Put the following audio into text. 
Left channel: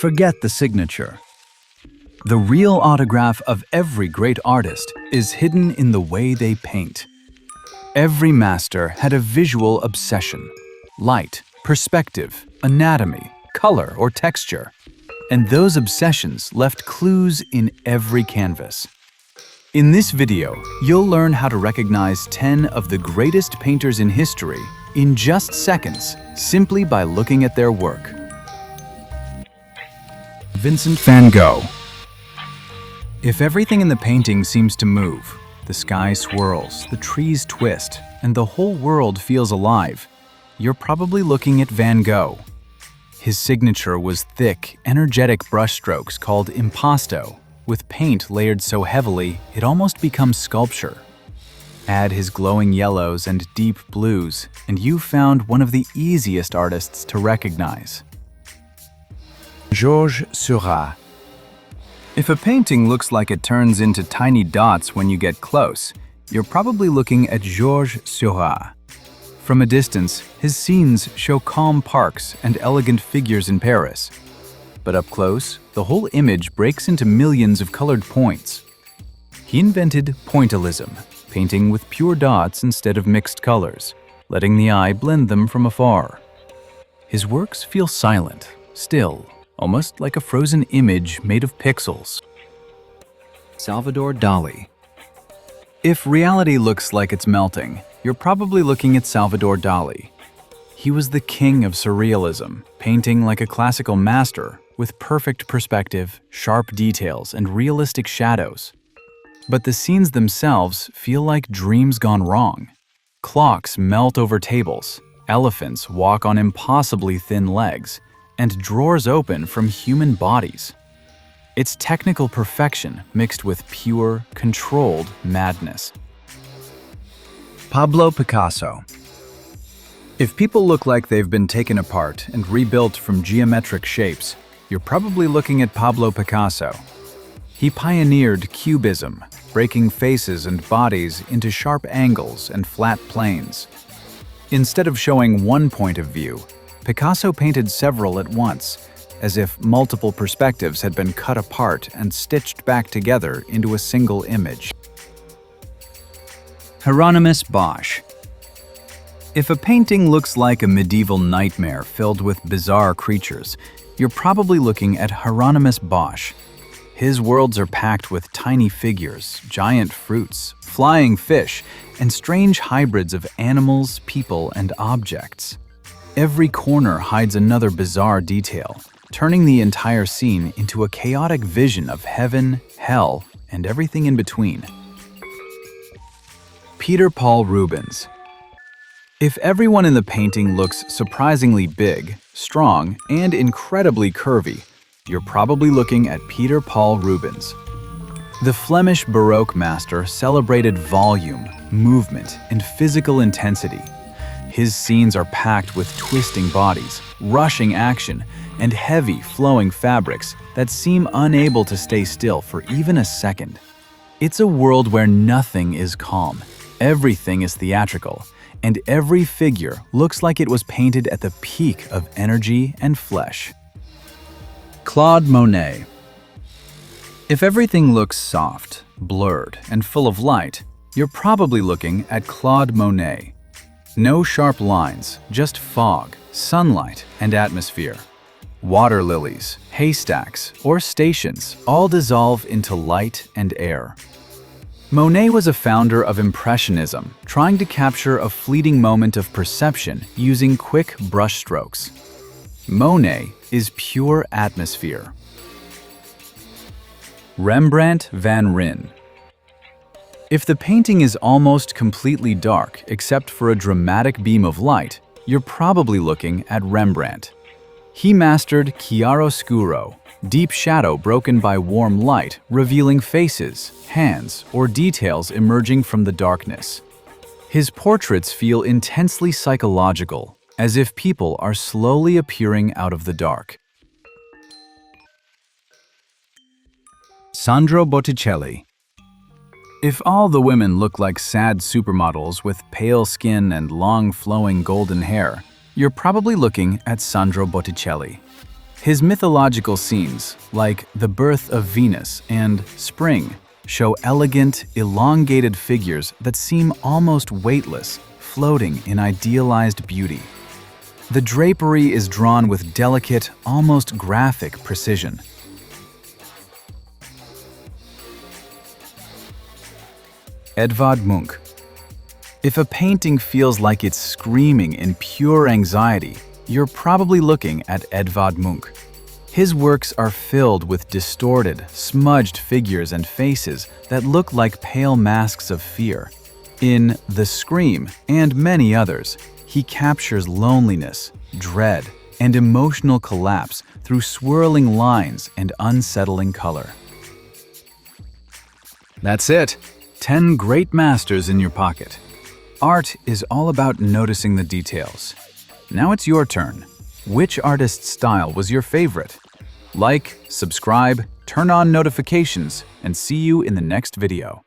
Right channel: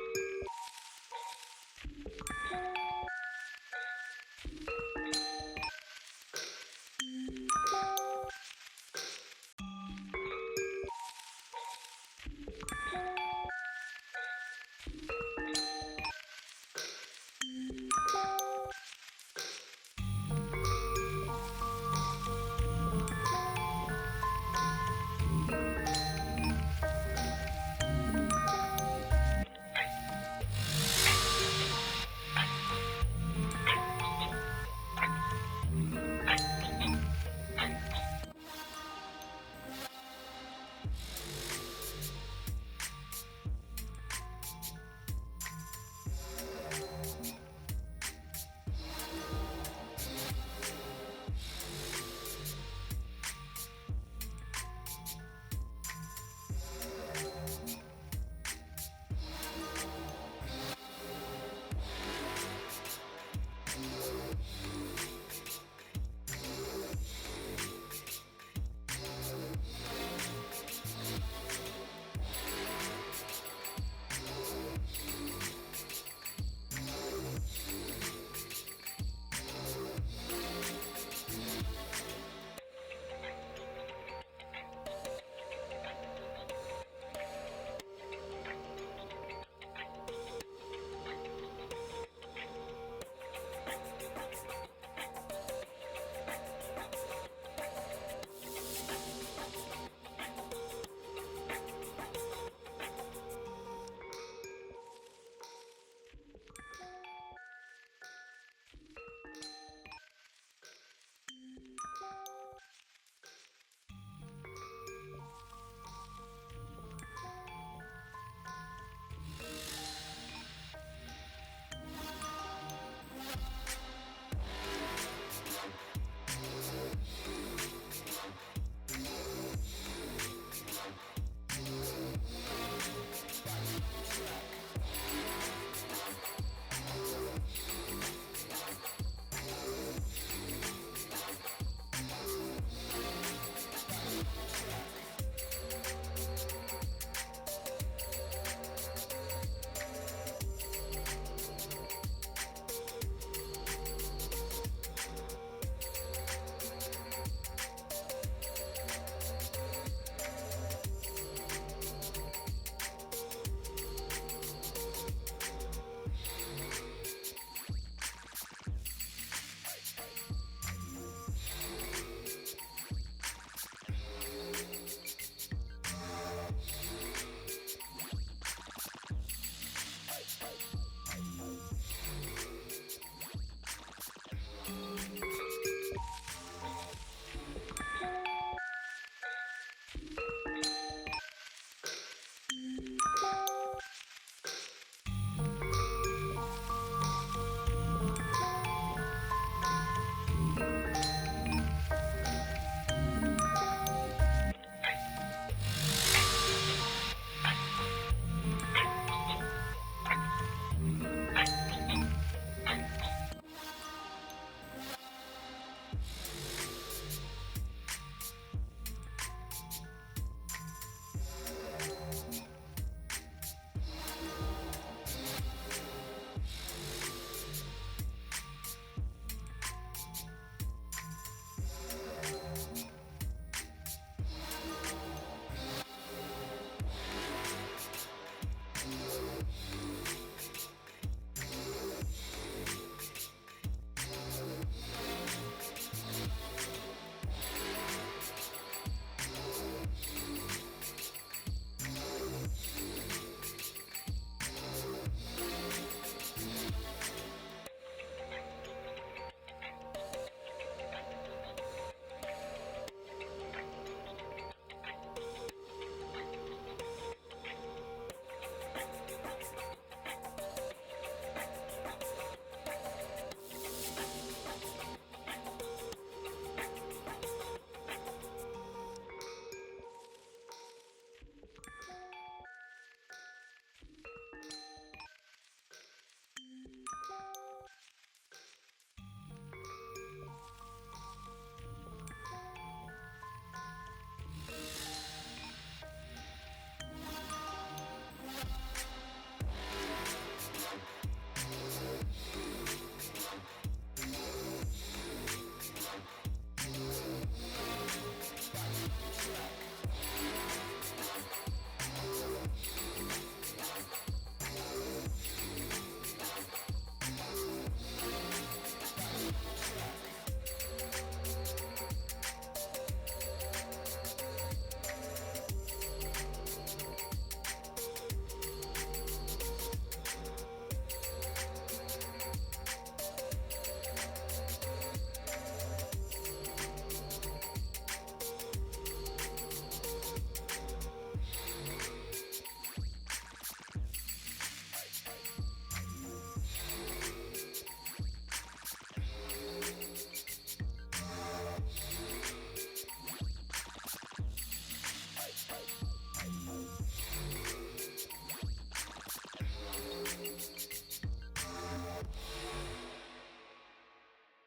Forget the signature. The real autograph of every great artist is hidden in the way they paint. Every master had a visual obsession: light, perspective, anatomy, color, or texture. And those obsessions left clues in every canvas. In this video, you'll learn how to recognize 10 of the greatest painters in history in just seconds, simply by looking at their work. Vincent van Gogh. If everything in the painting seems to move, the sky swirls, the trees twist, and the whole world feels alive, you're probably looking at Van Gogh. His signature was thick, energetic brushstrokes called impasto, with paint layered so heavily it almost becomes sculpture. Add his glowing yellows and deep blues, and you've found one of the easiest artists to recognize. Georges Seurat. If a painting looks like it turns into tiny dots when you get close, you're probably looking at Georges Seurat. From a distance, his scenes show calm parks and elegant figures in Paris. But up close, the whole image breaks into millions of colored points. He invented pointillism, painting with pure dots instead of mixed colors, letting the eye blend them from afar. His works feel silent, still, almost like a frozen image made of pixels. Salvador Dalí. If reality looks like it's melting, you're probably looking at Salvador Dalí. He was the king of surrealism, painting like a classical master, with perfect perspective, sharp details, and realistic shadows. But the scenes themselves feel like dreams gone wrong. Clocks melt over tables, elephants walk on impossibly thin legs, and drawers open from human bodies. It's technical perfection mixed with pure, controlled madness. Pablo Picasso. If people look like they've been taken apart and rebuilt from geometric shapes, you're probably looking at Pablo Picasso. He pioneered Cubism, breaking faces and bodies into sharp angles and flat planes. Instead of showing one point of view, Picasso painted several at once, as if multiple perspectives had been cut apart and stitched back together into a single image. Hieronymus Bosch. If a painting looks like a medieval nightmare filled with bizarre creatures, you're probably looking at Hieronymus Bosch. His worlds are packed with tiny figures, giant fruits, flying fish, and strange hybrids of animals, people, and objects. Every corner hides another bizarre detail, turning the entire scene into a chaotic vision of heaven, hell, and everything in between. Peter Paul Rubens. If everyone in the painting looks surprisingly big, strong, and incredibly curvy, you're probably looking at Peter Paul Rubens. The Flemish Baroque master celebrated volume, movement, and physical intensity. His scenes are packed with twisting bodies, rushing action, and heavy, flowing fabrics that seem unable to stay still for even a second. It's a world where nothing is calm, everything is theatrical, and every figure looks like it was painted at the peak of energy and flesh. Claude Monet. If everything looks soft, blurred, and full of light, you're probably looking at Claude Monet. No sharp lines, just fog, sunlight, and atmosphere. Water lilies, haystacks, or stations all dissolve into light and air. Monet was a founder of Impressionism, trying to capture a fleeting moment of perception using quick brushstrokes. Monet is pure atmosphere. Rembrandt van Rijn. If the painting is almost completely dark except for a dramatic beam of light, you're probably looking at Rembrandt. He mastered chiaroscuro, deep shadow broken by warm light, revealing faces, hands, or details emerging from the darkness. His portraits feel intensely psychological, as if people are slowly appearing out of the dark. Sandro Botticelli. If all the women look like sad supermodels with pale skin and long flowing golden hair, you're probably looking at Sandro Botticelli. His mythological scenes, like the birth of Venus and spring, show elegant, elongated figures that seem almost weightless, floating in idealized beauty. The drapery is drawn with delicate, almost graphic precision. Edvard Munch. If a painting feels like it's screaming in pure anxiety, you're probably looking at Edvard Munch. His works are filled with distorted, smudged figures and faces that look like pale masks of fear. In The Scream and many others, he captures loneliness, dread, and emotional collapse through swirling lines and unsettling color. That's it. 10 great masters in your pocket. Art is all about noticing the details. Now it's your turn. Which artist's style was your favorite? Like, subscribe, turn on notifications, and see you in the next video.